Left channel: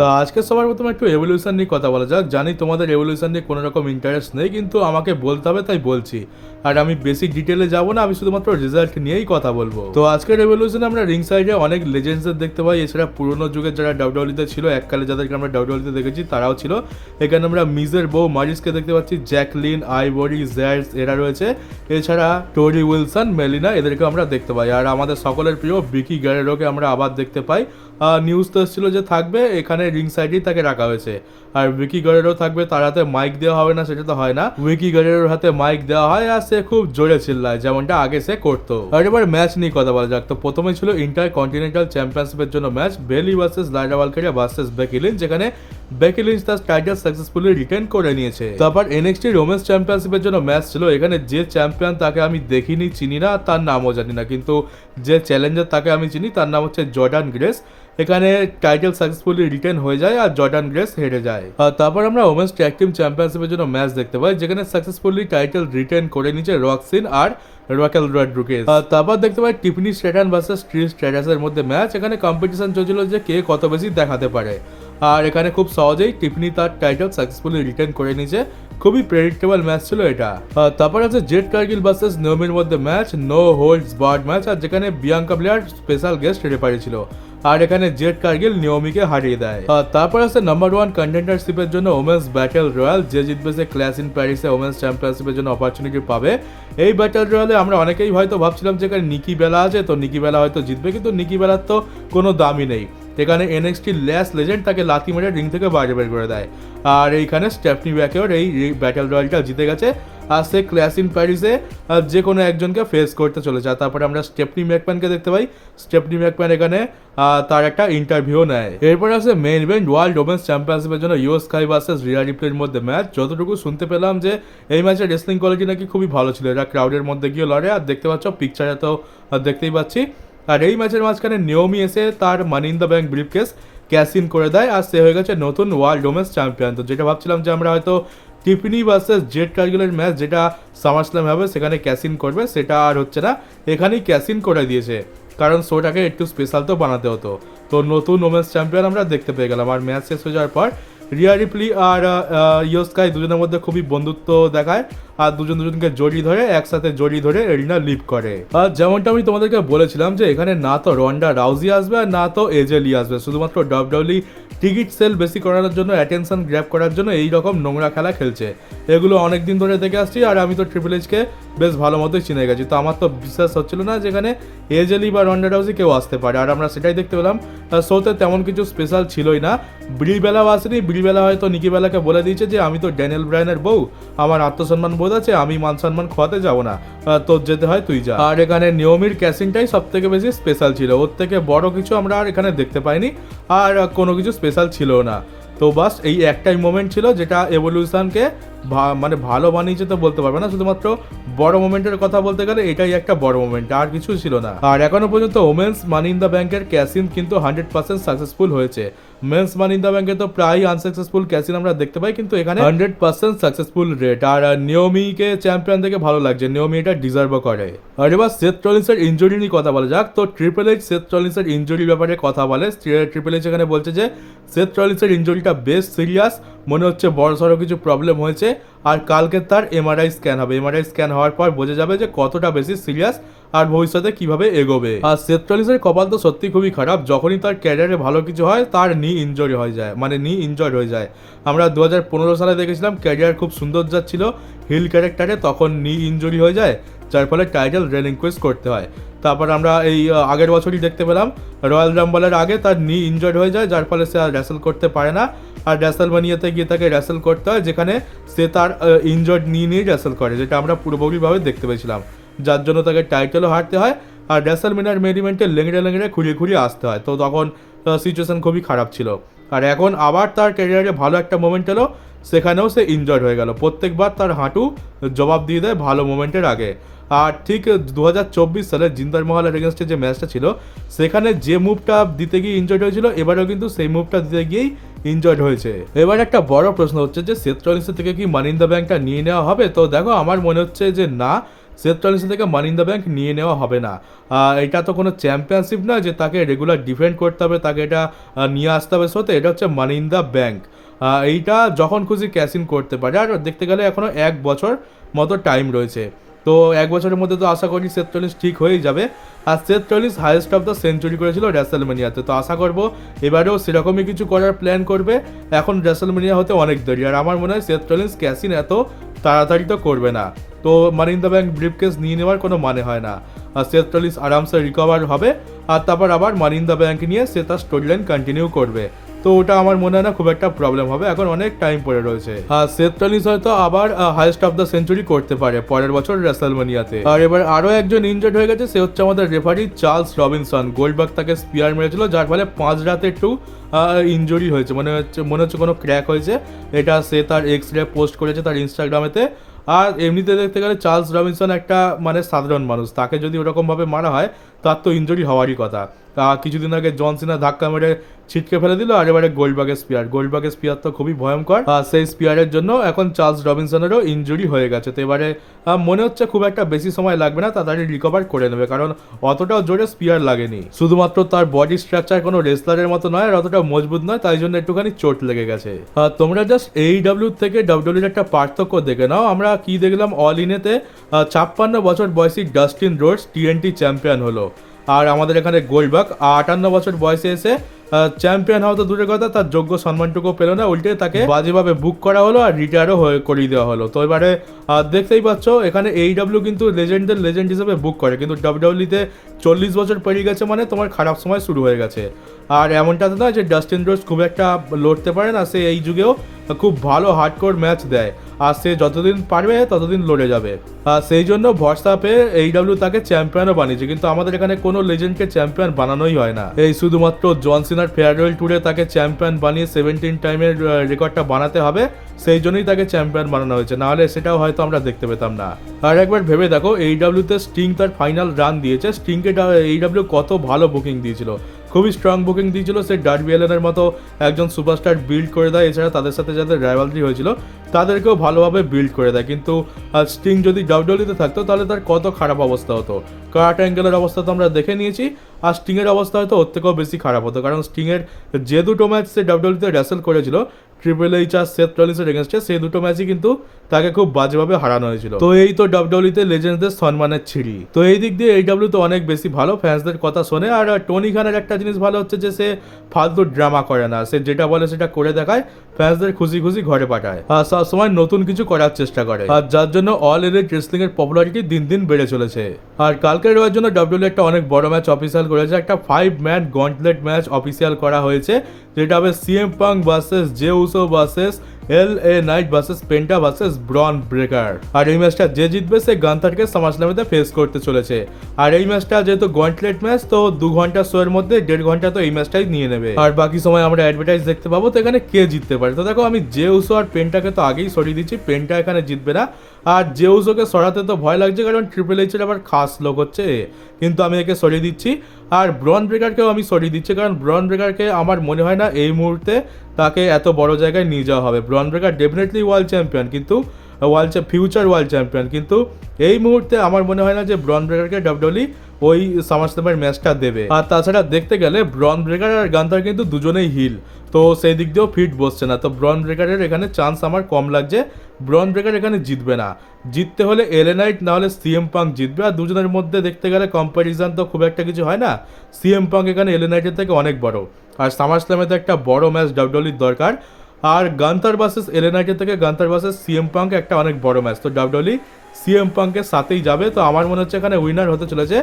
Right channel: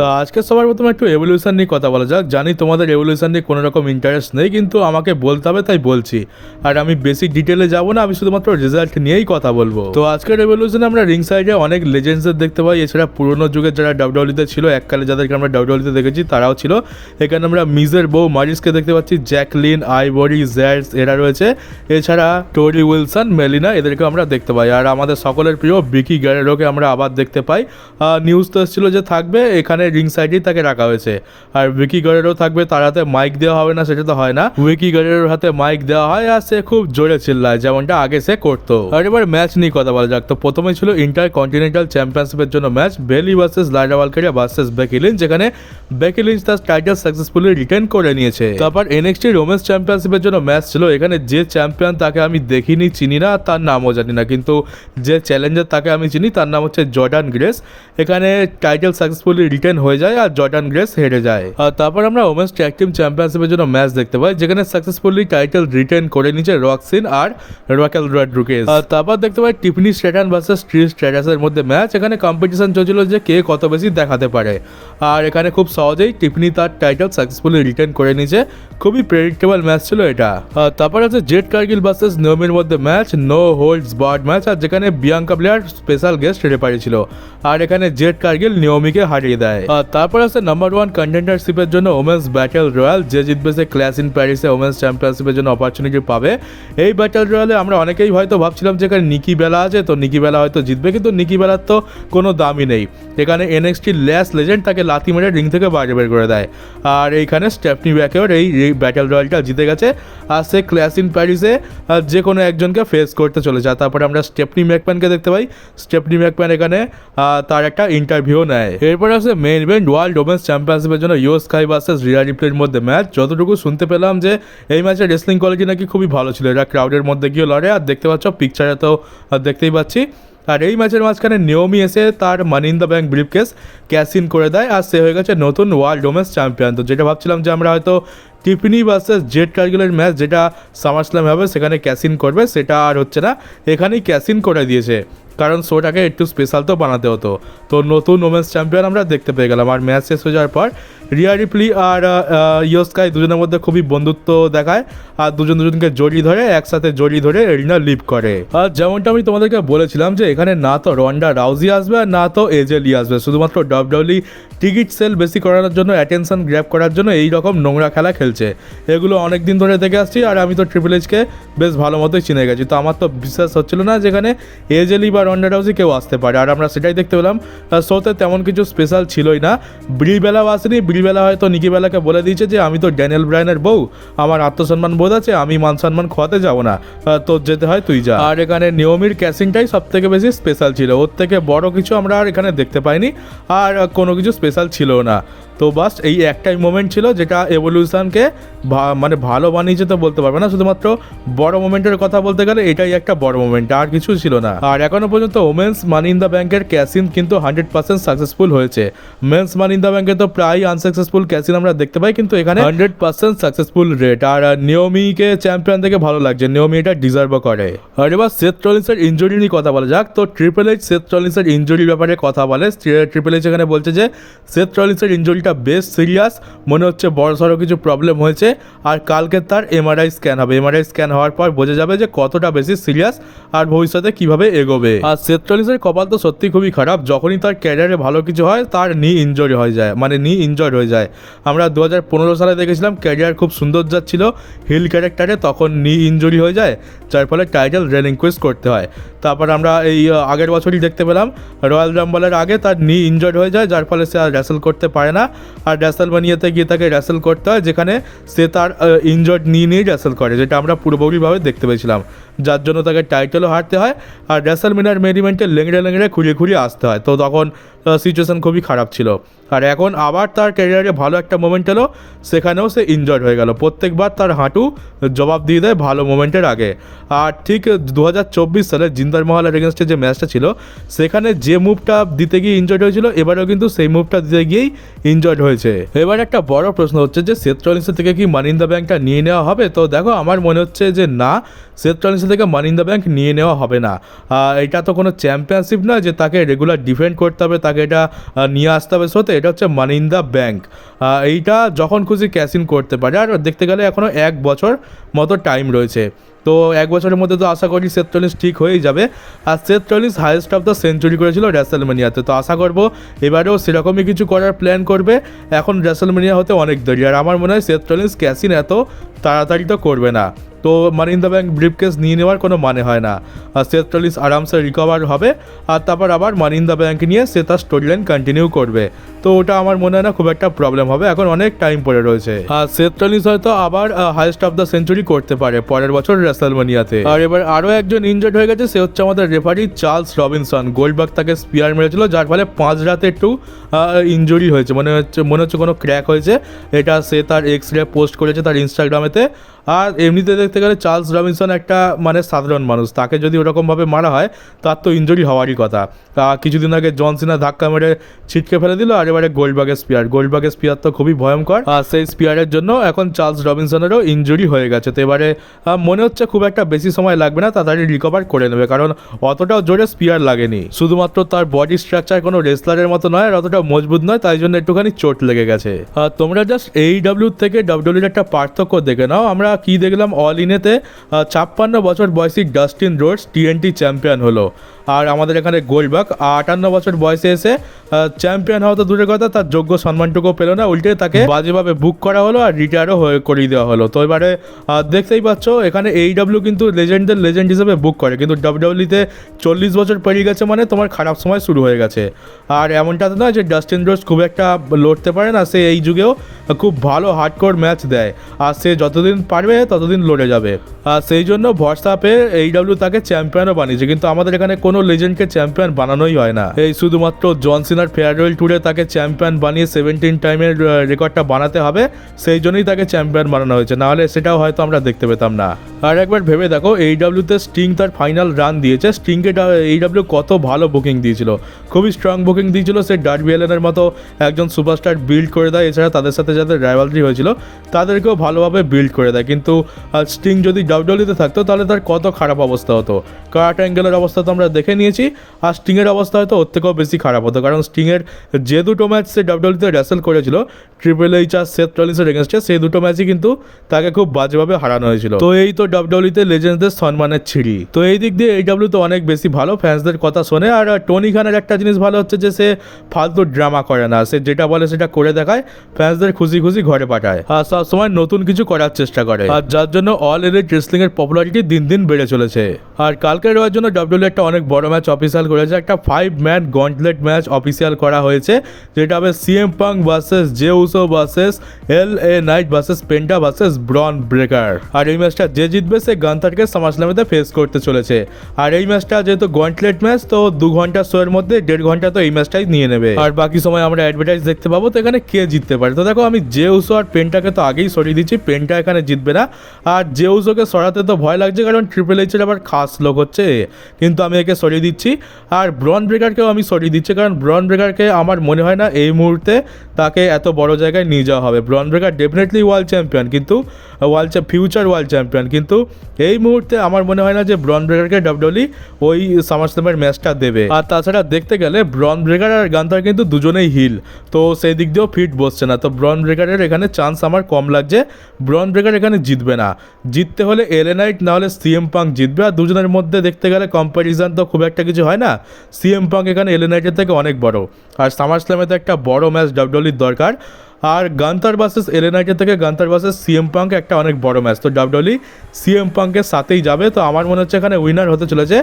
তো আজকে সবার প্রথমে একটু এভলিউশন নিয়ে কথা বলা যাক। জানি তোমাদের এভলিউশন নিয়ে কোনো রকম ইন্টারেস্ট নেই, কিন্তু আমাকে বলতে হবে তাই বলছি। আর আমি বেশি ডিটেলে যাব না, আমি শুধুমাত্র রেজাল্ট নিয়েই কথা বলবো। তো আজকের এভলিউশনে আমরা রিং সাইডে অনেক লেজেন্ডসদের দেখতে পাই। এছাড়া পুরোনো যুগের যারা ডাব্লিউডব্লিউতে ছিল, এককালে যাদেরকে আমরা ডাব্লিউডব্লিউতে দেখেছি তারাও ছিল। এখানে আমরা মিজের বউ মারিসকে দেখতে পাচ্ছি, জ্যাকলিন, আইভরি, জ্যাডস এরা রয়েছে। এছাড়া টোরি উইলসন, মেলিনা এদেরকে আমরা দেখতে পাই। আর আমাদের সকলের প্রিয় ভিকি গ্যারেরোকে আমরা আবার দেখতে পাই। নিউজ তো এসেছিল যে থাকবে, এখানে রিং সাইডেই তাকে রাখা হয়েছে। আর ভিকি গ্যারেরো থাকবে, তার হাতে মাইক দেওয়া হবে না সেটা তো হয় না, ভিকি গ্যারেরোর হাতে মাইক দেওয়া হয় আর সে খুব জোরে চিল্লায় যেমনটা আগে সে করতো। আর এবার ম্যাচ নিয়ে কথা বলা যাক। তো প্রথমে ছিল ইন্টার কন্টিনেন্টাল চ্যাম্পিয়নশিপের জন্য ম্যাচ, বেলি ভার্সেস লাইডা ভালকেরিয়া ভার্সেস বেকি লিঞ্চ, যেখানে বেকি লিঞ্চ তার টাইটেল সাকসেসফুলি রিটেন করে নিয়েছে। তারপর এনএক্সটি ওমেন্স চ্যাম্পিয়নশিপের জন্য ম্যাচ ছিল। এখানে যে চ্যাম্পিয়ন তাকে আমি দেখিনি, চিনি না, তার নামও জানি না, কিন্তু যে চ্যালেঞ্জার তাকে আমি চিনি, তার নাম হচ্ছে জর্ডান গ্রেস। এখানে টাইটেল সাকসেসফুলি রিটেন হয়ে যায় আর জর্ডান গ্রেস হেরে যায়। আর তারপর আমরা ওমেন্স ট্যাগ টিম চ্যাম্পিয়নশিপের জন্য ম্যাচ দেখতে পাই, যেখানে সাকসেসফুলি টাইটেল রিটেন করে নিয়েছে রক্সিন আর রাকেল রড্রিগেজ। আর তারপর দেখতে পাই টিফনি স্ট্র্যাটন ভার্সেস ট্রিশ স্ট্র্যাটাসের মধ্যে ম্যাচ। এখানে কম্পিটিশন চলছিল যে কে কত বেশি দেখাতে পারে। আর এখানে খুব সহজেই টিফনি তার টাইটেল সাকসেসফুলি রিটেন করে নিয়েছে। খুবই প্রেডিক্টেবল ম্যাচ ছিল এটা। তারপর আছে জেড কার্গিল ভার্সেস নেওমির মধ্যে match, no holds barred match, আর যেখানে Bianca Belair special guest referee ছিল। আর এখানে জেড কার্গিল নিয়মিকে হারিয়ে দেয়। তারপর আছে নাম্বার 1 কন্টেন্ডারশিপের জন্য ওমেন্স ব্যাটেল রয়্যাল, যে জিতবে সে ক্লাস ইন প্যারিসে ওমেন্স চ্যাম্পিয়নশিপের জন্য অপরচুনিটি পাবে। এই ব্যাটেল রয়্যালে আমরা অনেকেই হয়তো ভাবছিলাম যে এখানে নিকি বেলা আছে, তো নিকি বেলা হয়তো জিতবে, কিন্তু নিকি বেলার তো কোনো দামই নেই। এখানে এনএক্সটি ল্যাস লেজেন্ড তাকে লাথি মেরে রিং থেকে বাইরে বের করে দেয়। আর এইখানে স্টেফনি ব্যাকেওর এই ব্যাটেল রয়্যালটা জিতে গেছে। আর সে ক্লাস ইন প্যারিসে যে কোনো একজনকে ফেস করতে চলেছে। তারপরে আমরা স্টেফনি ম্যাকম্যানকে দেখতে পাই। স্টেফনি ম্যাকম্যান এখানে তার একটা ইন্টারভিউ নেয়। এরপর আছে মেইন ইভেন্ট ওয়ার্ল্ড ওমেন্স চ্যাম্পিয়নশিপের জন্য ইয়ো স্কাই ভার্সেস রিয়া রিপ্লের মধ্যে ম্যাচ। যতটুকু শুনতে পেলাম যে এই ম্যাচের রেসলিং কোয়ালিটি নাকি খুবই ভালো ছিল। এরা ক্রাউডের মধ্যে গিয়ে লড়ে, আর দেখতে পাচ্ছ পিকচারে তো দেখতেই পাচ্ছি। আর এই ম্যাচের মাঝখানে নিয়মি এসে তার money in the bank briefcase cash in করে দেয়, আর সে হয়ে গেছে নতুন ওয়ার্ল্ড ওমেন্স চ্যাম্পিয়ন। তো যেটা ভাবছিলাম যে আমরা হয়তো টিফনি ভার্সেস জেড কার্গিলের ম্যাচ যেটা সামার স্ল্যাম হবে সেখানে ক্যাশ ইন করবে, সেটা আর হচ্ছে না, এখানেই ক্যাশ ইন করে দিয়েছে। কারণ শোটাকে একটু স্পেশাল তো বানাতে হতো। তো নতুন ওমেন্স চ্যাম্পিয়ন আমরা দেখতে পেয়ে গেলাম। আর ম্যাচ শেষ হয়ে যাওয়ার পর রিয়া রিপ্লি আর ইয়ো স্কাই দুজনের মধ্যে খুবই বন্ধুত্ব দেখায়, আর দুজনকে জড়িয়ে ধরে একসাথে জড়িয়ে ধরে এরিনা লিভ করে। আর যেমনটা আমি তোমাদেরকে বলেছিলাম যে এখানে না তো রন্ডা রাউজি আসবে আর না তো এজে লি আসবে, শুধুমাত্র ডাব্লিউডব্লিউই টিকিট সেল বেশি করার জন্য, অ্যাটেনশন গ্র্যাব করার জন্য এই রকম নোংরা খেলা খেলছে। এগুলো অনেক দিন ধরে দেখে আসছি, আর আমি তো ট্রিপল এইচকে বেশ ভালো মতোই চিনে গেছি। তো আমার তো বিশ্বাস হচ্ছিল না যেখানে এজে লি বা রন্ডা রাউজি কেউ আসতে পারে। আর আমরা সেটাই দেখতে পেলাম। শোতে তেমন কিছু স্পেশাল ছিলই না। ব্রিবেলাও আসেনি। ব্রিবেলা হয়তো নিকিবেলাকে বলে দিয়েছে যে আমি তো ড্যানিয়েল ব্রায়ানের বউ, আমার আত্মসম্মান বোধ আছে, আমি মান সম্মান খোয়াতে যাবো না, তোর যেতে হয় তুই যা। আর এখানে নিয়মির ক্যাসিংটাই সব থেকে বেশি স্পেশাল ছিল। ওর থেকে বড় কিছু আমরা আর এখানে দেখতে পাইনি, আর কোনো কিছু স্পেশাল ছিল না। তো বাস এই একটাই মোমেন্ট ছিল যেটা এভলিউশনকে মানে ভালো বানিয়েছে তো বলতে পারবে না, শুধুমাত্র বড় মোমেন্টের কথা বলতে গেলে এটাই একটা বড় মোমেন্ট, আর কিছু ছিল না। আর এখনো পর্যন্ত ওমেন্স মানি ইন দ্য ব্যাংকের ক্যাসিন কিন্তু 100% সাকসেসফুল হয়েছে। মেন্স মানি ইন দ্য ব্যাংকে তো প্রায় আনসাকসেসফুল ক্যাসিন আমরা দেখতে পাই, কিন্তু এখানে 100% সাকসেসফুল রেট। আর নিয়মিকে চ্যাম্পিয়ন থেকে ভালো লাগছে, নিয়মি এটা ডিজার্ভও করে। আর এবার সেথ রলিন্সের ইনজুরি নিয়ে কথা বলা যাক। তো ট্রিপল এইচ সেথ রলিন্সের ইনজুরির ব্যাপারে কথা বলে। ট্রিপল এইচ এখানে বলছে যে সেথ রলিন্সের ইনজুরিটা বেশ সিরিয়াস, মনে হচ্ছে বড় সড়ো কিছু প্রবলেম হয়েছে, আর কালকে তার এমআরআই স্ক্যান হবে। এমআরআই স্ক্যান হওয়ার পর বোঝা যাবে যে কতটা বেশি সিরিয়াস আর ভবিষ্যতে কিভাবে এগোবে। আর সেথ রলিন্সের কপাল তো সত্যি খুবই খারাপ, যখনই তার ক্যারিয়ারে ভালো কিছু হয় তার নি ইনজুরি হয়ে যায়, মানে নি ইনজয়েড হয়ে যায়। আমরা 2015 সালে দেখেছিলাম ক্যারিয়ার খুব সুন্দর যাচ্ছিল হিল ক্যারেক্টারে, তখন নি ইনজুরি হয়ে যায়, যার ফলে টাইটেল রিলিঙ্কুইশ করতে হয়। তারপর আমরা এই আগের বছরই দেখতে পেলাম রয়্যাল রাম্বলের আগে তার নি ইনজয়েড হয়ে যায়, যার ফলে সে আর র্যাসেল করতে পারে না। আর র্যাসেলমানিয়াতে গিয়ে তাকে র্যাসেল করতে হয়, যেখানে সে তার ইনজয়েড নি নিয়ে র্যাসেল করে, যেটা আমরা পুরোপুরিভাবে দেখতে পেয়েছিলাম, যার জন্য তাকে টাইটেলও হারতে হয়। আর র্যাসেলমানিয়ার মেন ইভেন্টে লেংড়ে খুঁড়িয়ে আসতে হয়। তো তখন সিচুয়েশন খুবই খারাপ ছিল। আর এখন আবার তার ক্যারিয়ারে ভালো একটা মোমেন্ট এলো, সেখানেও সে ইনজয়েড হয়ে গেল। প্রত্যেকবার তার হাঁটু জবাব দিয়ে দেয় ভালো মোমেন্টের আগে। আর ঠিক 2024 সালে জিন্দার মহলের এগেনস্টে যে ম্যাচটা ছিল, সেখানে যে মুভটা দিতে গিয়ে ইনজয়েড হয়েছিল, এবারেও কিন্তু সেই মুভটা দিতে গিয়েই ইনজয়েড হয়েছে। এবার একটা বড় প্রশ্ন হচ্ছে যে সেথ রলিন্সের থেকে কি মানি ইন দ্য ব্যাংকটা নিয়ে নেওয়া হবে? তো দেখো আমার মনে হচ্ছে যে না, সেথ রলিন্সের থেকে মানি ইন দ্য ব্যাংক নিয়ে নেওয়া হবে না। এটা তো কোনো চ্যাম্পিয়নশিপ নয় যে তাকে রেগুলার ডিফেন্ড করতে হবে, তাকে এটা নিয়ে আসতে হবে শোতে। এটা হচ্ছে মানি ইন দ্য ব্যাংক। এইটা যখন খুশি ক্যাশ ইন করতে পারে, আর দেখতে গেলে এখনও 1 বছর মতো টাইম রয়েছে। তো 1 বছরের মধ্যে তো আশা করি সেথ রলিন্স ঠিক হয়েই যাবে। আর Seth Rollins highest of the century করেছিল রেসলম্যানিয়াতে, তো আশা করবো এবারেও সেরকমই কিছু করার প্ল্যান করবে। এখন রেসলম্যানিয়া হতে অনেক দেরি, আর আমার মনে হয় সেথ রলিন্স ক্যাশ ইন এত তাড়াতাড়ি তো করবে না। তো মানি ইন দ্য ব্যাংক ব্রিফকেস নিয়ে নেওয়ার কোনো মানে হয় না। আর সেথ রলিন্স আরামসে রিকভার হবে, আর তারপর আবার মানি ইন দ্য ব্যাংক নিয়ে সে তার স্টোরি লাইন কন্টিনিউ করবে। তো ওটা আমার মনে হয় না খুব একটা প্রবলেম হবে, এখন অনেক টাইম পড়ে রয়েছে। আর সেথ রলিন্স হয়তো আবার হাইয়েস্ট অফ দ্য সেঞ্চুরি করতে পারে পরের বছর রেসলম্যানিয়াতে। আর এবার আরও একজন ইনজয়েড হয়ে গেছে, সে হচ্ছে আমাদের রেফারি চার্লস রবিনসন। গোল্ডবার্গ তাকে স্পিয়ার মেরেছিল, যার ফলে 5 রাতে একটু ইনজুরি হয়েছে, মনে হচ্ছে কোনো ক্র্যাক হয়েছে। এটা সে তার এক্স-রে পোস্ট করেছে তার ইনস্টাগ্রামেতে। আর এমনিতে দেখতে গেলে চার্লস রবিনসন একটা মানে সাধারণ মানুষ, তাকে যদি ওরকমভাবে মারা হয় তার তো ইনজুরি হওয়ারই কথা। কিছুদিন আগে জন সিনা ধাক্কা মেরে ছিটকে ফেলে দিল, আর এবারে গোল্ডবার্গের স্পিয়ার তো খুবই ভয়ঙ্কর। সেই স্পিয়ারের জন্য এখন চার্লস রবিনসনেরও ইনজুরি হয়ে গেছে। তো এবারে মনে হচ্ছে খুব একটা বেশি সময় লাগবে না, তাড়াতাড়ি রিকভার করে নেবে, কারণ অতটাও জোরে স্পিয়ার লাগেনি। শুধুমাত্র তার বডি স্ট্রাকচার কোনো রেসলারের মতো নয়, আর অতটা মজবুত নয়, তাই জন্য একটুখানি চোট লেগে গেছে। তোমরা জাস্ট AEW থেকে WWE একটা পার্থক্য দেখে নাও। আমরা কি দেখলাম, অল ইনেতে 56 বছর বয়সী ডাস্টিন রোডস TNT চ্যাম্পিয়ন হলো, আর আমাদের এখানে গোল্ডবার্গ 58 বছর বয়সে এসে চ্যাম্পিয়ন হওয়া তো দূরের কথা, তার যোগ্য সম্মানটুকু পেল না, উল্টে তাকে বাজেভাবে বুক করা হলো আর রিটায়ারও করিয়ে দেওয়া হলো। তো এবারে দেখতেই পাচ্ছ এখানে AEW কিন্তু লেজেন্ডদের লেজেন্ড হিসেবে বুক করে, কিন্তু WWE-তে 40 বছর পেরিয়ে গেছে মানে তোমার খারাপ সময় শুরু হয়ে গেছে। আর এমনটা তো না যে ডাস্টিন রোডস খুব একটা লড়তে পারে না, সে এই যুগেও খুব ভালো হার্ডকোর ম্যাচ দেয়, আর সে যতদিন পারবে ততদিন লড়ে যাবে। সেই জন্য ভরসা পেয়ে AEW তাকে চ্যাম্পিয়নও বানিয়েছে, কিন্তু আমাদের এখানে কোনো লেজেন্ডকে চ্যাম্পিয়ন বানানোই হয় না। এই শুধুমাত্র জন সিনার ফেয়ারওয়েল ট্যুরে তাকে চ্যাম্পিয়ন বানিয়ে 17 টাইমের রেকর্ডটা বানাতে হবে, সেই জন্যই তাকে চ্যাম্পিয়ন বানানো হয়েছে, নাহলে সেটাও হয়তো আমরা দেখতে পেতাম না। আর একবার ভেবে দেখো, AEW-তে স্টিং তার ফাইনাল রান দিয়েছে, স্টিংকে AEW কত ভালো বুকিং দিয়েছিল, খুবই স্ট্রং বুকিং দিয়েছিল। সে ডার্বি অ্যালেনের মতো একজন সুপারস্টার বিল্ড করে দেয়, এছাড়া তাদের সাথে যাদের রাইভালরি হয়েছিল তাদেরকেও ভালোভাবে বিল্ড করে দেয়। কিন্তু স্টিং যদি WWE-তে থাকতো তাহলে তার কত খারাপ অবস্থা হতো। কার্ট অ্যাঙ্গেলের অবস্থা তো আমরা দেখে নিয়েছি, আর স্টিংয়ের অবস্থা হয়তো ওর থেকেও বেশি খারাপ হতো, কারণ স্টিংয়ের যে দুটো ম্যাচ সে WWE-তে রেসেল করেছিল ট্রিপল এইচ আর সেথ রলিন্সের এগেনস্টে, সেই দুটো ম্যাচই কিন্তু তাকে খুব বাজেভাবে হারানো হয়েছিল। তো এই তো WWE-তে লেজেন্ডসদের সম্মানের ছিঁড়ি। তো এই দিক দিয়ে AEW তো অনেক বেশি ভালো, ফ্যান্সদের কথা শোনে। আর টনি খানের একটা জিনিস ভালো হচ্ছে যে সে ফালতু ড্রামা করে না, সে যেটা বলে সেটা করে দেখায়, ফ্যান্সদের খুশি খুশি ঘরে পাঠায়, আর সবসময় নতুন কিছু করার চেষ্টা করে, আর যার জন্য অল এলিট রেসলিং এর পপুলারিটি দিন দিন বেড়ে চলেছে। আর কালকে রোয়ার জন্য WWE একটা অনেক বড় ম্যাচ অফিসিয়াল করেছে, একটা 5-ম্যান গন্টলেট ম্যাচ অফিসিয়াল করা হয়েছে, যেটা হবে CM Punk versus Jey Uso versus LA Knight versus Penta versus Bron Breakker. আর এই ম্যাচটা যে জিতবে সে গান্থারকে সামারস্ল্যামেতে ফেস করতে চলেছে। আর এই ম্যাচটা যেহেতু গন্টলেট ম্যাচ, তো 2 ঘন্টা শোয়ের মধ্যে 1.5 ঘন্টা তো এই ম্যাচটাই নিয়ে নেবে, আর বাকি সময় আমরা অ্যাডভার্টাইজ দেখতে পাবো। তো এখানে কে জিততে পারে? তো দেখো, আমি জে উসো আর পেন্টাকে তো আগেই সরিয়ে দিচ্ছি, পেন্টা এখানে জিতবে না। আর জে উসোকে সরাতে তো ভয় লাগছে, কারণ ট্রিপল এইচের আবার খাস লোক হচ্ছে, কিন্তু আমি একে সরিয়ে দিচ্ছি। আর ব্রন ব্রেকারকেও আমি সরিয়ে দিচ্ছি, কারণ ব্রন ব্রেকারকে আমার মনে হয় না এই মুহূর্তে তাকে এত বড় জায়গায় নিয়ে যাওয়া হবে। ব্রন ব্রেকার ডেফিনেটলি ওয়ার্ল্ড চ্যাম্পিয়ন, কিন্তু ফিউচার ওয়ার্ল্ড চ্যাম্পিয়ন, কিন্তু এই মুহূর্তে আমার মনে হয় না যে ব্রন ব্রেকারকে WWE ওই সামারস্ল্যামের ম্যাচটা দেবে। আর তাছাড়া দেখতে গেলে ব্রন ব্রেকার আর গান্থার কিন্তু দুজনেই হিল, তো সেই দিক দিয়েও ফিট বসছে না। তো ব্রন ব্রেকারের এখানে চান্স আমার কম লাগছে, ব্রন ব্রেকার এখানে জিতবে না। জিততে হলে LA নাইট না হলে CM পাঙ্ক জিতবে, আর দুজনের মধ্যে দেখতে গেলে কম্প্যারিজন তো খুব একটা কিছু হয় না। CM পাঙ্ক এখানে LA নাইটের থেকে অনেক বড়, আর সামারস্ল্যামেতে একটা বড় ম্যাচ WWE দরকার। আর গান্থার ভার্সেস LA নাইটের থেকে গান্থার ভার্সেস CM পাঙ্ক একটা অনেক বড় ম্যাচ, তো WWE CM পাঙ্কের সাথেই যাবে। তো আমার মনে হচ্ছে এখানে উইনার হতে চলেছে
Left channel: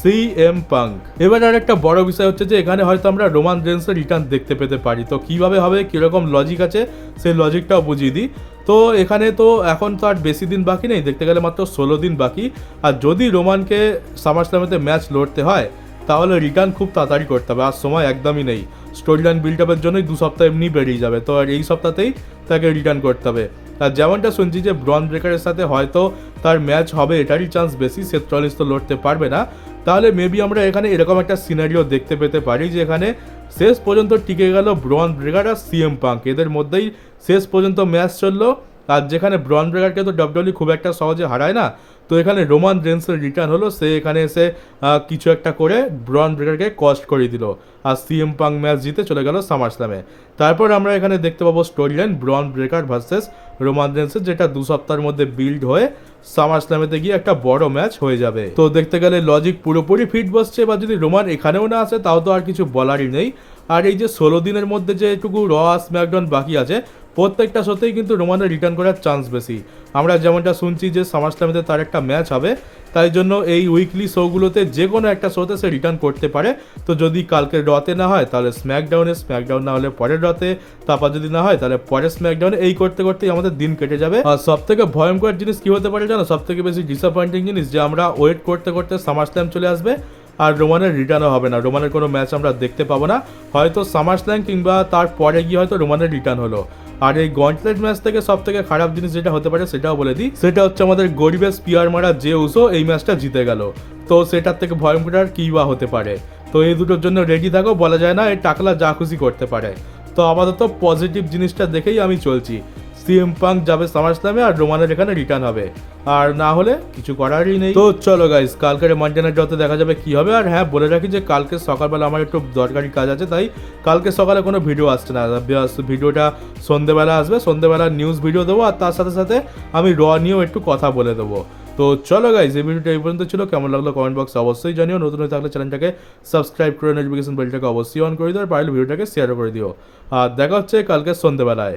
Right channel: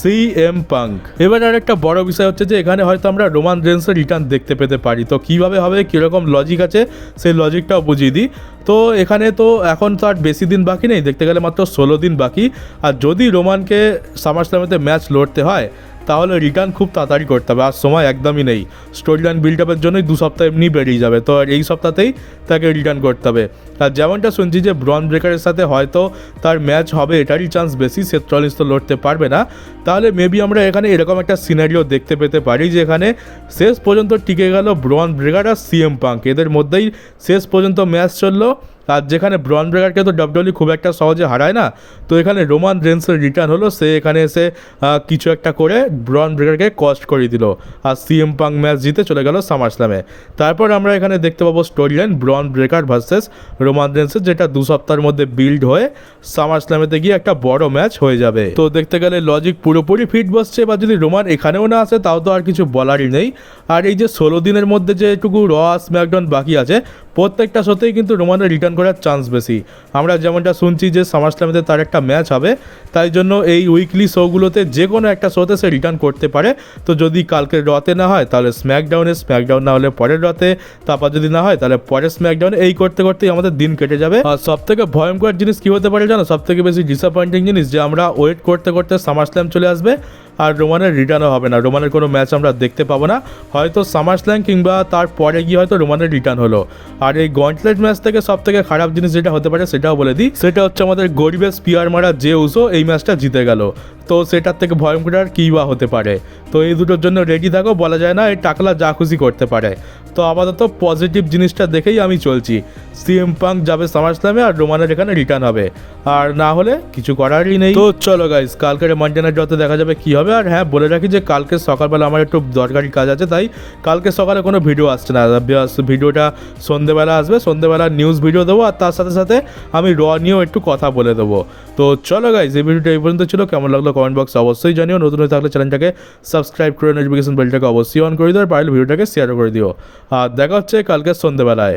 CM পাঙ্ক। এবার আর একটা বড় বিষয় হচ্ছে যে এখানে হয়তো আমরা রোমান রেন্সের রিটার্ন দেখতে পেতে পারি। তো কীভাবে হবে, কীরকম লজিক আছে, সেই লজিকটাও বুঝিয়ে দিই। তো এখানে তো এখন তো আর বেশি দিন বাকি নেই, দেখতে গেলে মাত্র 16 দিন বাকি। আর যদি রোমানকে সামারস্ল্যামেতে ম্যাচ লড়তে হয়, তাহলে রিটার্ন খুব তাড়াতাড়ি করতে হবে, আর সময় একদমই নেই। স্টোরি লাইন বিল্ড আপের জন্যই 2 সপ্তাহ এমনি বেরিয়ে যাবে, তো আর এই সপ্তাহতেই তাকে রিটার্ন করতে হবে। আর যেমনটা শুনছি যে ব্রন ব্রেকারের সাথে হয়তো তার ম্যাচ হবে, এটারই চান্স বেশি, সে চল্লিশ তো লড়তে পারবে না। তাহলে মেবি আমরা এখানে এরকম একটা সিনারিও দেখতে পেতে পারি যে এখানে শেষ পর্যন্ত টিকে গেল ব্রন ব্রেকার আর সিএম পাঙ্ক, এদের মধ্যেই শেষ পর্যন্ত ম্যাচ চললো। আর যেখানে ব্রন ব্রেকারকে তো ডাব্লিউডব্লিউ খুব একটা সহজে হারায় না, তো এখানে রোমান রেন্সের রিটার্ন হলো, সে এখানে এসে কিছু একটা করে ব্রন ব্রেকারকে কস্ট করে দিল, আর সিএম পাঙ্ক ম্যাচ জিতে চলে গেল সামার স্ল্যামে। তারপর আমরা এখানে দেখতে পাবো story line Bron Breakker versus Roman রেন্সের, যেটা 2 সপ্তাহের মধ্যে বিল্ড হয়ে সামার স্ল্যামেতে গিয়ে একটা বড় ম্যাচ হয়ে যাবে। তো দেখতে গেলে লজিক পুরোপুরি ফিট বসছে, বা যদি রোমান এখানেও না আসে তাও তো আর কিছু বলারই নেই। আর এই যে 16 দিনের মধ্যে যেটুকু র স্ম্যাকডাউন বাকি আছে, প্রত্যেকটা শোতেই কিন্তু রোমানের রিটার্ন করার চান্স বেশি। আমরা যেমনটা শুনছি যে সামার স্ল্যামেতে তার একটা ম্যাচ হবে, তাই জন্য এই উইকলি শোগুলোতে যে কোনো একটা শোতে সে রিটার্ন করতে পারে। তো যদি কালকে রতে না হয় তাহলে স্ম্যাকডাউন না হলে পরের রতে, তারপর যদি না হয় তাহলে পরের স্ম্যাকডাউনে, এই করতে করতেই আমাদের দিন কেটে যাবে। আর সব থেকে ভয়ঙ্কর জিনিস কী হতে পারে জানো, সব থেকে বেশি ডিসঅ্যাপয়েন্টিং জিনিস, যে আমরা ওয়েট করতে করতে সামার স্ল্যাম চলে আসবে আর রোমানের রিটার্নও হবে না, রোমানের কোনো ম্যাচ আমরা দেখতে পাবো না। হয়তো সামার স্ল্যাম কিংবা তারপরে গিয়ে হয়তো রোমানের রিটার্ন হলো। আর এই গন্টলেট ম্যাচ থেকে সব থেকে খারাপ জিনিস যেটা হতে পারে সেটাও বলে দিই, সেটা হচ্ছে আমাদের গরিবের স্পিয়ার মারা যে উসো এই ম্যাচটা জিতে গেল। তো সেটার থেকে ভয়ঙ্কর আর কী বা হতে পারে। তো এই দুটোর জন্য রেডি থাকো, বলা যায় না এই টাকলা যা খুশি করতে পারে। তো আপাতত পজিটিভ জিনিসটা দেখেই আমি চলছি, সিএম পাঙ্ক যাবে সামার স্ল্যামে আর রোমানের এখানে রিটার্ন হবে, আর না হলে কিছু করারই নেই। তো চলো গাইস, কালকের মানডে নাইট ড্রতে দেখা যাবে কী হবে। আর হ্যাঁ, বলে রাখি যে কালকে সকালবেলা আমার একটু দরকারি কাজ আছে, তাই কালকে সকালে কোনো ভিডিও আসছে না, ভিডিওটা সন্ধ্যেবেলা আসবে। সন্ধ্যেবেলা নিউজ ভিডিও দেবো, আর তার সাথে সাথে আমি র নিয়েও একটু কথা বলে দেবো। তো চলো গাইস, এই ভিডিওটা এই পর্যন্ত ছিল। কেমন লাগলো কমেন্ট বক্সে অবশ্যই জানিও। নতুন হয়ে থাকলে চ্যানেলটাকে সাবস্ক্রাইব করে নোটিফিকেশন বেলটাকে অবশ্যই অন করে দিও, আর পারলে ভিডিওটাকে শেয়ারও করে দিও। আর দেখা হচ্ছে কালকে সন্ধ্যেবেলায়।